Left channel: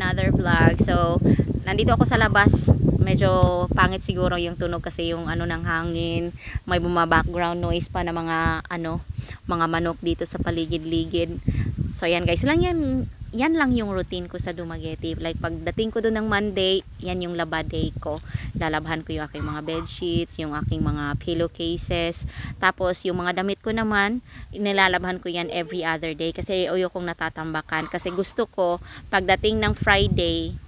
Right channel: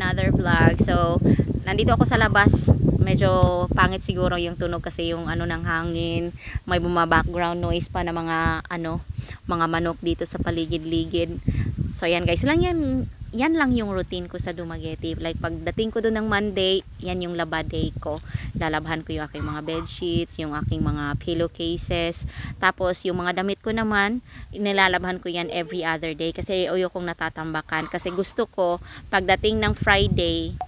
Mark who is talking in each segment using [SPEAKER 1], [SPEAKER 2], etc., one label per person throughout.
[SPEAKER 1] Another vlog. So, nandito ako sa labas. Medyo pangit siguro yung tunog kasi yung ano ng hangin. May buma background noise pa na mga ano, mga manok dito sa paligid-ligid. So, ayan guys, lang yan yan lang yung routine ko sa Dumaguete. Like, pagdating ko doon ng Monday, yan yung laba day ko. Lalabhan ko yung aking mga bed sheets, yung aking mga pillowcases. Tapos, yung mga damit ko naman, nilalabhan ko yan every other day. Kasi ayokong natatambakan. Kasi gusto ko, pagdating ng Friday,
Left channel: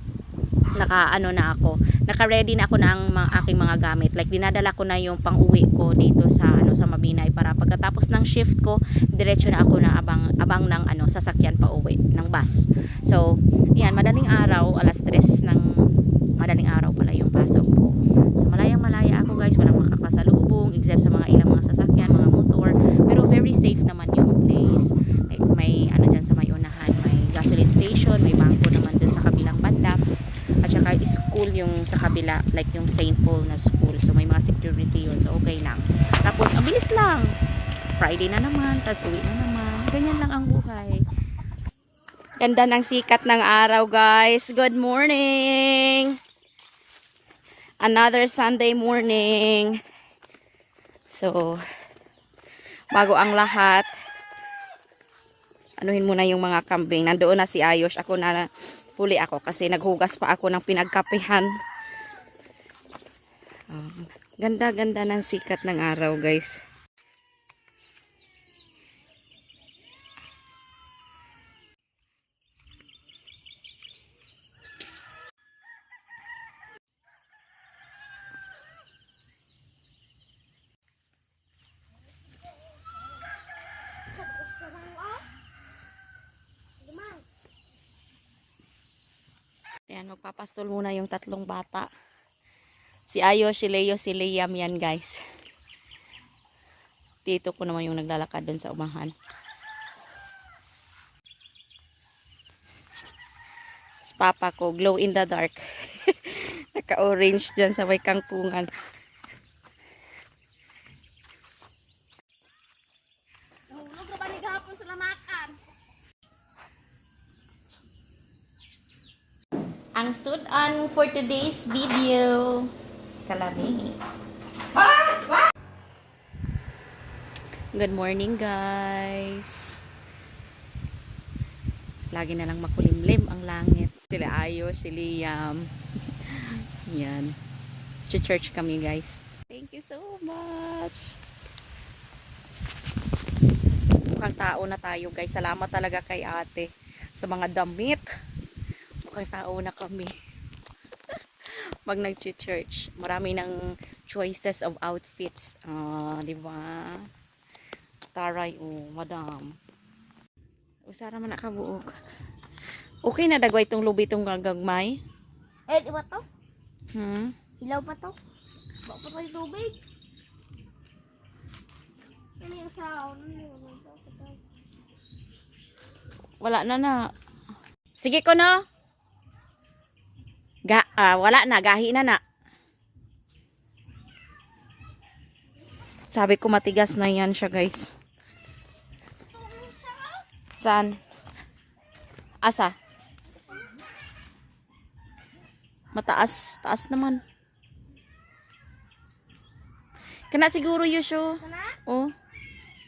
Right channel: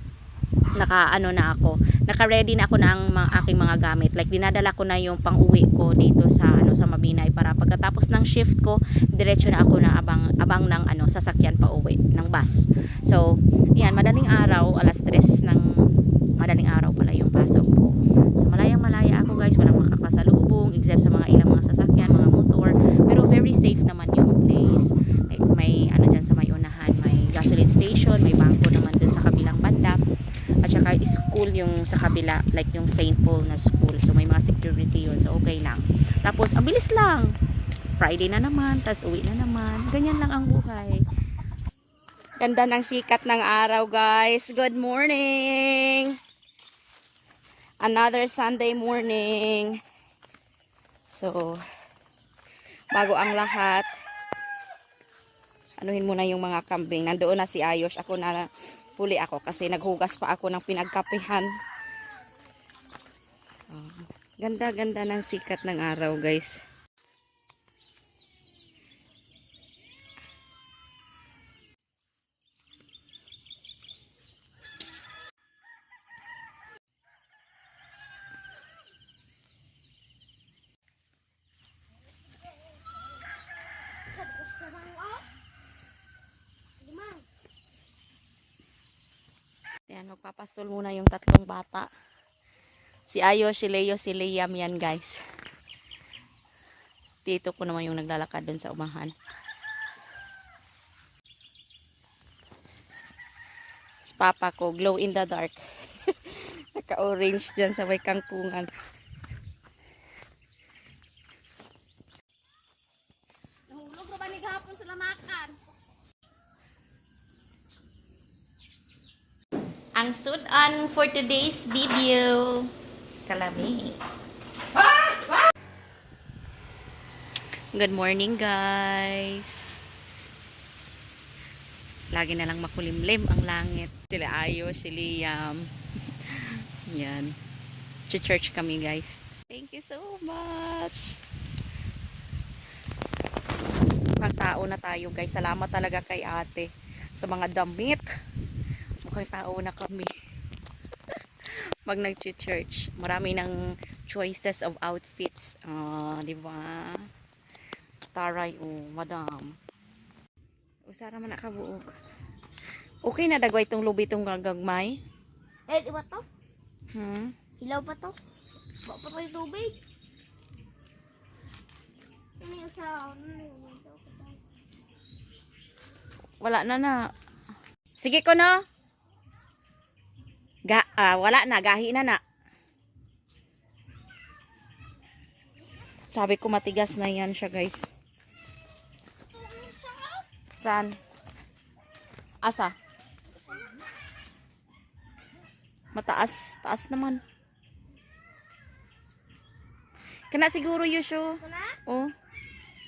[SPEAKER 1] naka ano na ako naka ready na ako ng mga aking mga gamit. Like dinadala ko na yung pang-uwi ko dito sa ano sa Mabinay para pagkatapos ng shift ko diretso na ako na abang abang ng ano sasakyan pa uwi ng bus. So yan madaling araw alas 3 ng madaling araw pala yung pasok ko so malayang malaya ako guys walang makakasalubong except sa mga ilang mga sasakyan mga motor pero very safe naman yung place like may ano dyan sa may unahan may gasoline station may bangko naman dun sa kabilang banda at saka school yung sa kabila like yung St. Paul na school. So may mga security yun. So okay lang. Tapos ang bilis lang. Friday na naman tas uwi na naman. Ganyan lang ang buhay. Ganda ng sikat ng araw guys. Good morning. Another Sunday morning. So bago ang lahat anuhin muna yung mga kambing. Nandoon na si Ayos ako na huli ako kasi naghugas pa ako ng pinagkapihan. Ganda-ganda ng sikat ng araw, guys. Ayan, magpapastol muna yung tatlong bata. Si Ayo, si Leo, si Liam yan guys. Dito ko naman yung naglalakad dun sa umahan. Si Papa ko, glow in the dark. Naka-orange dyan sa may kangkungan.
[SPEAKER 2] Nahulog na ba ni gahapon sa lamakan?
[SPEAKER 1] Ang sudan for today's video. Kalami. Good morning guys. Lagi na lang makulimlim ang langit. Sila Ayo, si Liam. Yan. Church kami guys. Thank you so much. Mukhang tao na tayo guys. Salamat talaga kay ate sa mga damit mukhang tao na kami pag nag-church marami ng choices of outfits. Ah di ba? Taray oh madam. Usara man nakabuog okay na dagway itong lubi itong gagagmay?
[SPEAKER 2] Eh, di ba to?
[SPEAKER 1] hmm?
[SPEAKER 2] Hilaw pa to? Ba pa tayo tubig? Ano yung sa... Ano
[SPEAKER 1] wala na na. Sige ko na Ga, ah, wala na, gahi na na. Sabi ko matigas na yan siya guys. Saan? Asa? Mataas, taas naman. Kana siguro Yusho.
[SPEAKER 2] Kana?
[SPEAKER 1] Oh.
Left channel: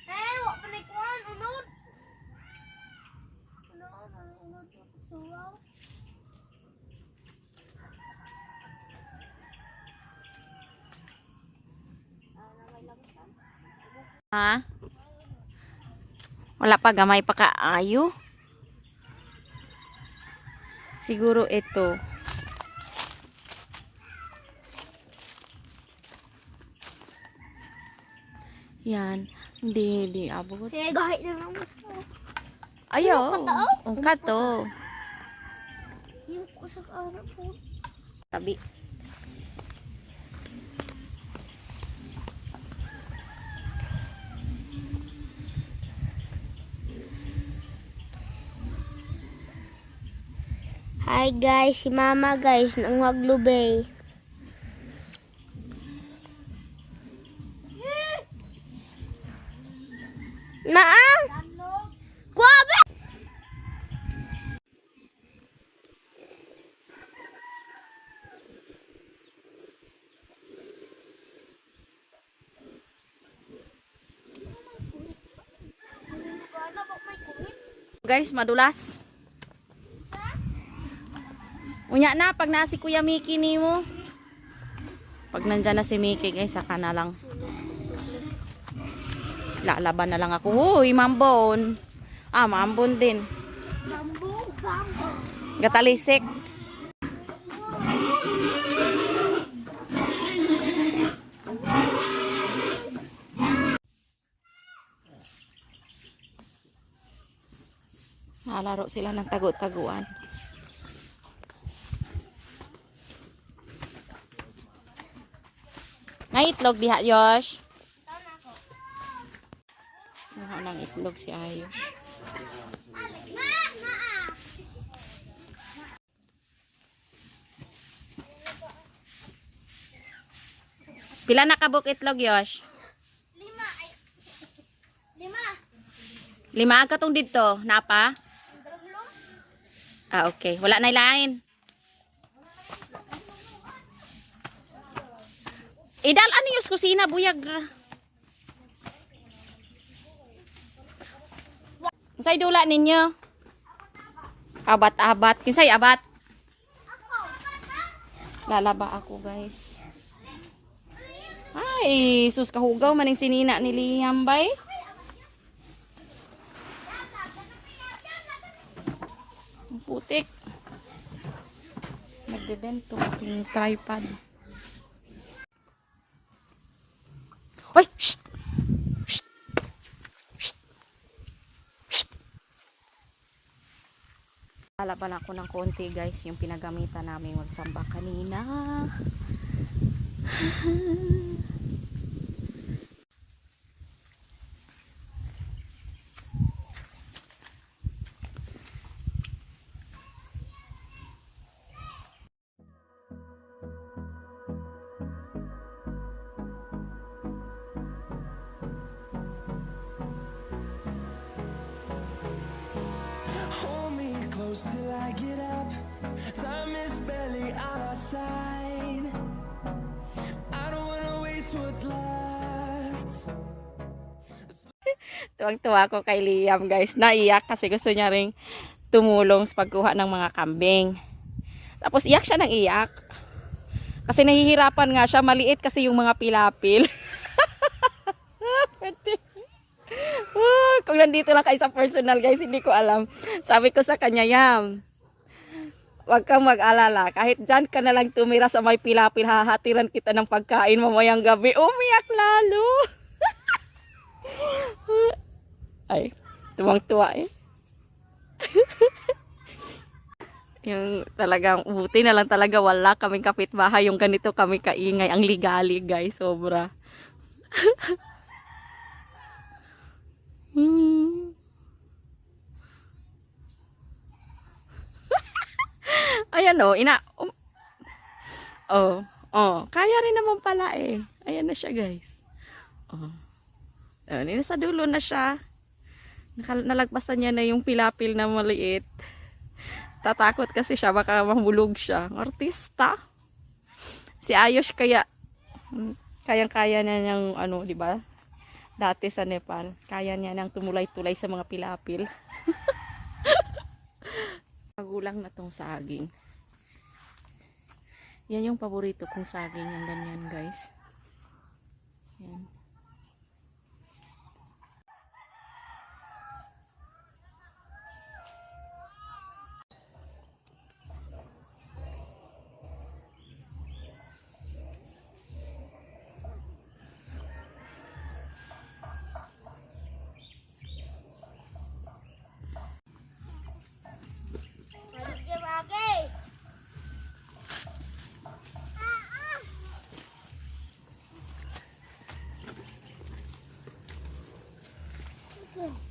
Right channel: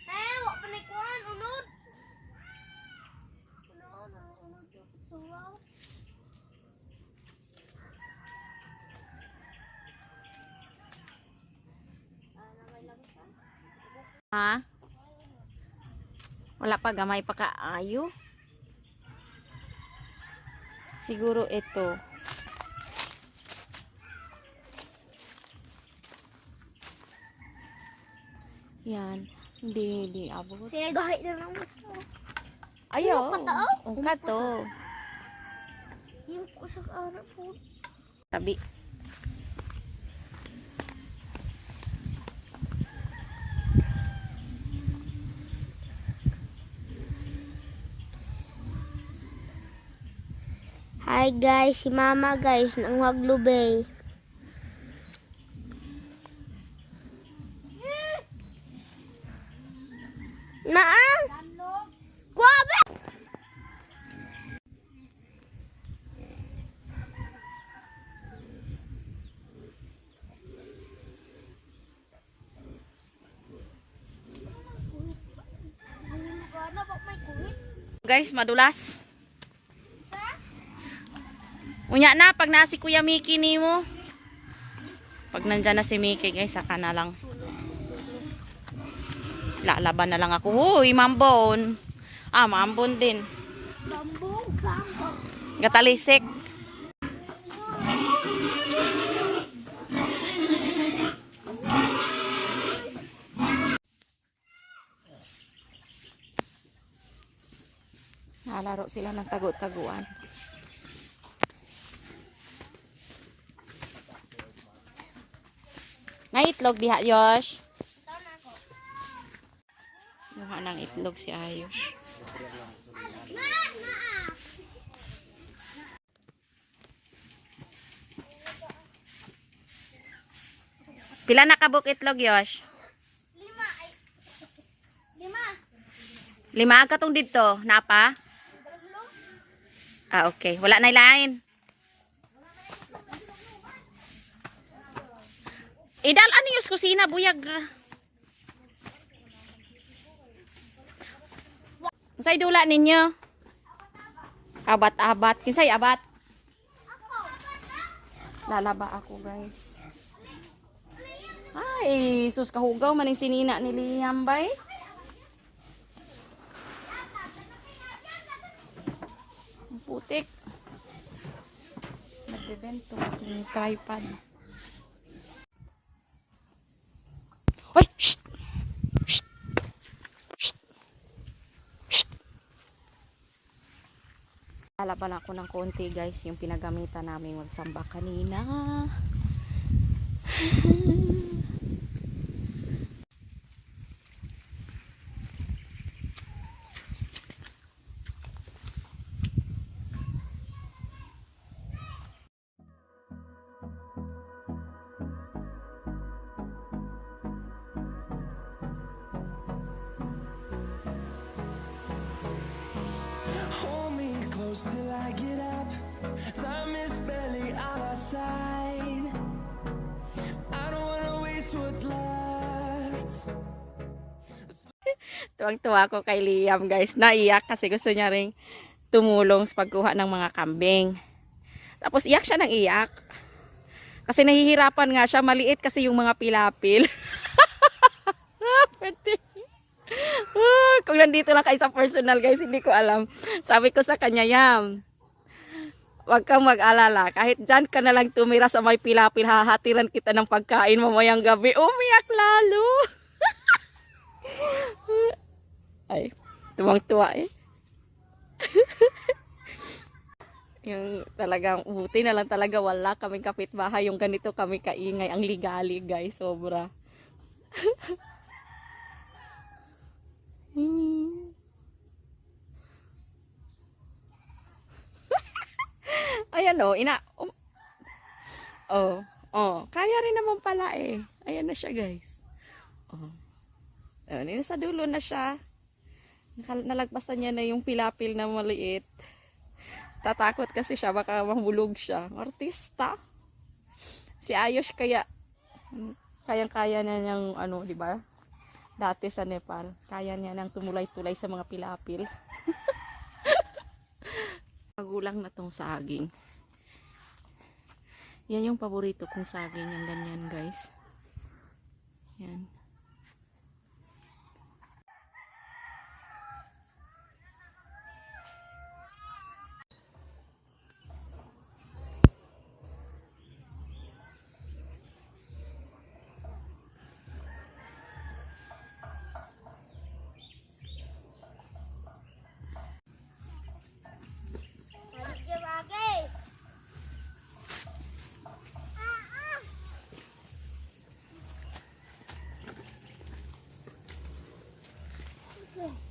[SPEAKER 2] Eh, wak pa na ikuan. Unod. Unod, ano, unod. Suwaw. Ah, na may lagasan.
[SPEAKER 1] Ha? Wala pa gamay pa kaayo. Siguro ito. Yan. Hindi, hindi abot.
[SPEAKER 2] Sige, gahit na lang mo.
[SPEAKER 1] Ayaw.
[SPEAKER 2] Ano?
[SPEAKER 1] Ang kato.
[SPEAKER 2] Yung ko sa araw po.
[SPEAKER 1] Tabi.
[SPEAKER 2] Hi guys, si mama guys, nang maglubay. Naang! Kuwabe!
[SPEAKER 1] Guys, madulas. Unya na, pag na si Kuya Miki ni mo. Pag nandyan na si Miki, guys, saka na lang. Lalaban na lang ako. Huy, mambon. Ah, mambon din. Gatalisik. Nalaro sila ng tago-taguan. Nga itlog diha, Yosh. Mukha ng itlog si Ayos. Pila na kabuk itlog, Yosh?
[SPEAKER 2] Lima. Ay. Lima.
[SPEAKER 1] Lima ka tong dito. Napa? Ah, okay. Wala na ilain. Idal, ano yung kusina, buyag. Unsay dula ninyo? Abat-abat. Kinsay abat? Lalaba ako, guys. Ay, sus kahugaw maning sinina ni Liam bay. Putik. Nagbebento aking tripod. Ay! Shh! Shh! Shh! Shh! Ng konti guys, yung pinagamitan namin magsamba kanina.
[SPEAKER 3] Close till I get up. Time is barely on our side. I don't wanna waste what's left.
[SPEAKER 1] Tuwang-tuwa ko kay Liam guys. Naiyak kasi gusto niya ring tumulong sa pagkuha ng mga kambing. Tapos iyak siya ng iyak. Kasi nahihirapan nga siya. Maliit kasi yung mga pilapil. Ah, Kung nandito lang kayo sa personal guys, hindi ko alam. Sabi ko sa kanya, Yam, Huwag kang mag-alala. Kahit dyan ka na lang tumira sa may pilapil, hahatiran kita ng pagkain mamayang gabi. Umiyak lalo. Ay, tuwang-tuwa eh. yung talagang buti na lang talaga wala kaming kapitbahay yung ganito kami kaingay ang ligali guys sobra Hmm. ayan o ina um, oh oh kaya rin naman pala eh ayan na siya guys oh Ayan, nasa dulo na siya. Nalagpasan niya na yung pilapil na maliit. Tatakot kasi siya, baka mahulog siya. Artista. Si Ayos kaya, mm, kayang-kaya na niyang, ano, di ba? Dati sa Nepal, kaya niya nang tumulay-tulay sa mga pilapil. Magulang na tong saging. Yan yung paborito kong saging, yung ganyan guys. Yan.
[SPEAKER 2] Dali.